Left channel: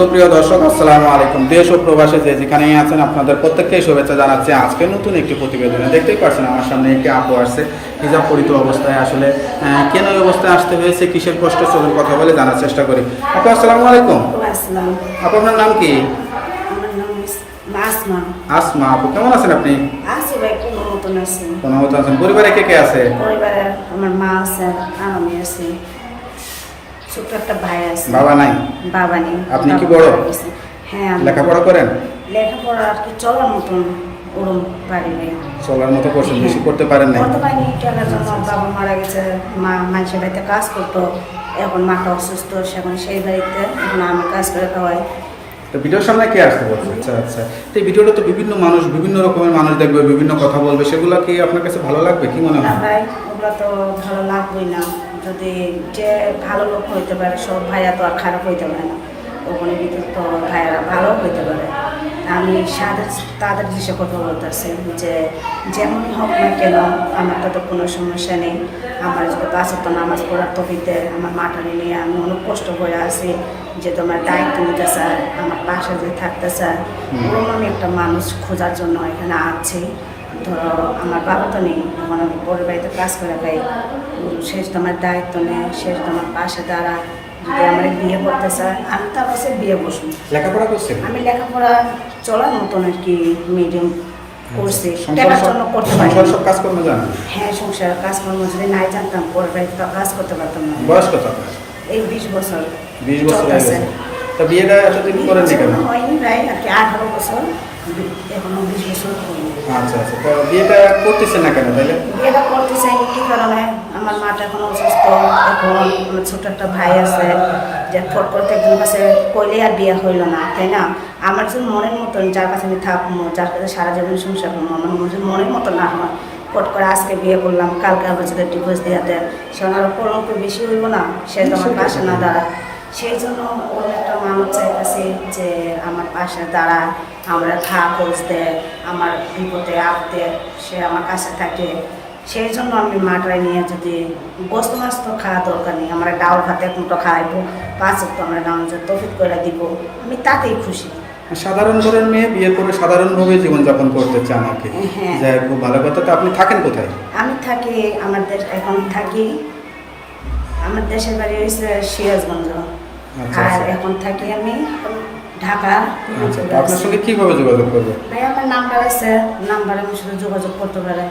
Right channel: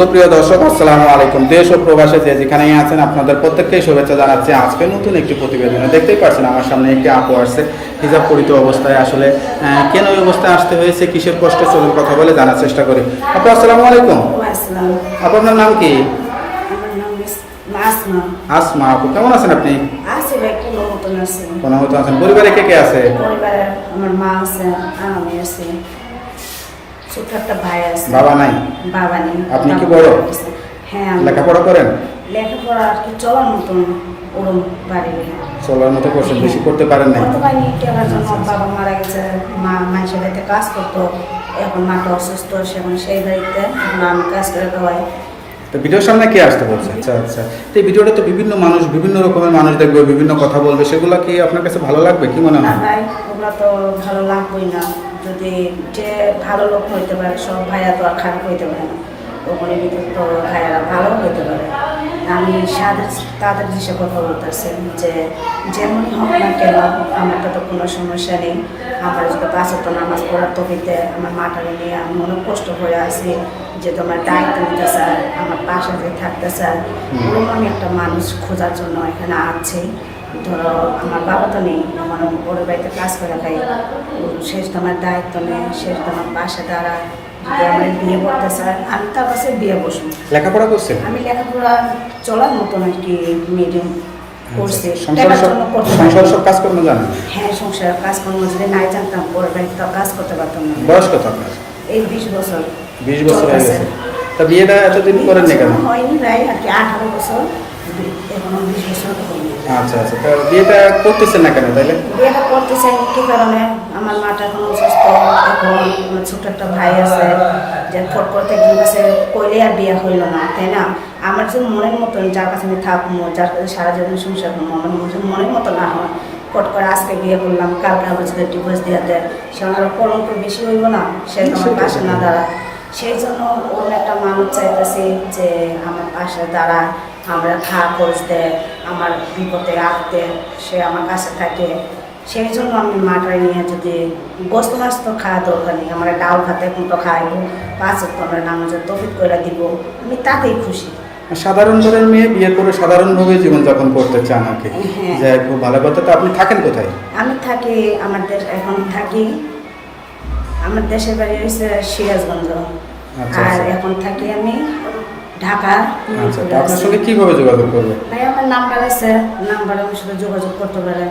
সুপ্রিয় দর্শক আসসালামু আলাইকুম। দেশ ও প্রবাসে যে যেখানেই আছেন আপনাদের প্রত্যেককেই শুভেচ্ছা জানাচ্ছি। আজকে নতুন একটি প্রতিবেদনে দেখতেই পাচ্ছেন আমার সামনে একটি আপু আসছে হিজাব পরিহিত অবস্থায়। আসলে কেন এই অবস্থায় আসতে হয়েছে, কিসের কষ্ট, চলুন কথা বলে জানার চেষ্টা করি। আপু আসসালামু আলাইকুম। আসসালাম। আপু আপনার নাম কি? আমার নাম আসমা। আসমা আপু, কেমন আছেন আপনি? আছি ভাই, কোনো মতন আছি। কোনো মতো আছেন? পরিবারে কে কে আছে? পরিবারে আমার মা আছে, আমি আছি, ছোট একটা ভাই আছে। বাবা নাই? বাবা নেই। আপনি কি বড়? হ্যাঁ, আমি লেখাপড়া করেন? লেখাপড়া আর কি চলার মতন ওরম পারি ভাই। চলার মতো করছেন, বেশি করতে পারেন নাই? করতে পারিনি, টাকার জন্য বাবা মারা গেছে। মা মানুষের বাড়িতে কাজ করতো, এখন মাটা অসুস্থ, এখন সেই বাড়িতে এখন আমি কাজ করে খাওয়াই। তো ভিডিওর সামনে কে আসতে বলছে? আচ্ছা আচ্ছা। তো এই ভিডিওটা তো বিভিন্ন মানুষ, বিভিন্ন রকমের মানুষ দেখবে, বিভিন্ন কথা বলবে, সেগুলো কি আপনার কাছে ভালো লাগবে? কি মনে না হয়? ভাই, ওগুলা তো ভালো লাগবেই না। যদি যে ভালো লোক হইতে পারে, সব ভাইয়া তো আর খারাপ হইতে পারে না। ওখানে ভিতর তো ভাইয়ারা ভালো হইতে পারে। আমি তাদের বিষয়ে কথা বলতেছি যে যেমনই হোক না কেন, আমার তো কোনো সমস্যা নেই। আমার যদি 5 ওয়াক্ত নামাজ পড়ার তফিতে আমার মাটারে নিয়ে আমি অনেক কষ্ট করে আছি, যে তোমার দায়িত্ব নিতে চায়, আমার পাশে যে থাকতে চায়, ওরকম আমি একটা মানুষ খোঁজার জন্য এখানে আছি। ধরো আমার বাবা তো নেই, এখন আমি পরের বাড়িতে কাজ করে খাই। শেষ তোমার দায়িত্ব নেই, শেষ তোমার পাশে দাঁড়ায়। যদি আমার বিয়ে করতে চায়, আমি তার কাছে বিয়ে বসবো। লেখাপড়া করছেন? আমি লেখাপড়া চলার মতন আর কি মিডিয়াম করছি, সংসার টাকার জন্য করতে পারি। সংসার সব কাজকর্ম জানেন? হ্যাঁ, সংসারের কাজকর্ম যদি নাই জানতাম, পরের বাড়িতে তো কাজ করতে পারতাম না। বয়স কত আপনার? এই 20 বছর। 20 বছর হয়ে চলতেছে। গেছে। তা বিয়েটা এতদিন করেন না কেন? হয়নি ভাই, আর কি 18 বছর, এখনো 20 বছর হয়নি। আচ্ছা আচ্ছা। তা বিয়েটা করতেছেন না কেন তাইলে? বিয়েটা করতে চাইনি কি কারণে? আমার মাটা এখন অসুস্থ, এখন আমার ছোট একটা ভাই আছে, যে ফট করতে একজন কাছে কইলে আর বিয়ে হইল না, তাই না? আমার যদি মনের মতন, যার কাছে আমি থাকবো, যার কাছে সারা জীবন সংসার করবো, আমার যদি মনের মতো না হয়, ফট করে আজকে বিয়ে করলাম, কালকে আবার যদি ডিভোর্স দিয়ে দেয়, সে আমার কলঙ্ক বেশি হইব না? সে তো আমার পাশে না দাঁড়া। সেই জন্য ওরকম একটা মানুষ চাইতেছি যে আমার পাশে দাঁড়ায়, আমরা খাওয়া খোঁজ দেয়, আমার বিপদে আপদে সে আমার কাছে থাকে। সেই জন্য আমি মাটায় নিয়ে, যদি গোস্ত মাছ তো খাওয়া দরকার নেই, আমরা ডাউল ভাতে মতো খাইবো, 5 ওয়াক্ত আমরা নামাজের তৌফিক করে দিব, আমি তাতেই খুশি। সাধারণ ঘরের মেয়ে বিয়ে করে সাধারণভাবে জীবনযাপন করতে চান আর কি। হ্যাঁ। যাই, খুব ভালো কথা। তো আপনি থাকেন কোথায়? আমি থাকি আমার দেশ, এখন থাকি আমার দেশের বাড়ি হয়েছে সিরাজগঞ্জ। আচ্ছা, আর আচ্ছা। এখন থাকি আমি ঢাকা। আচ্ছা, তো আপনার সঙ্গে কিভাবে যোগাযোগ করবে? ভাই আমার নাম্বার আছে, নাম্বারে আমার সাথে যোগাযোগ করতে পারে।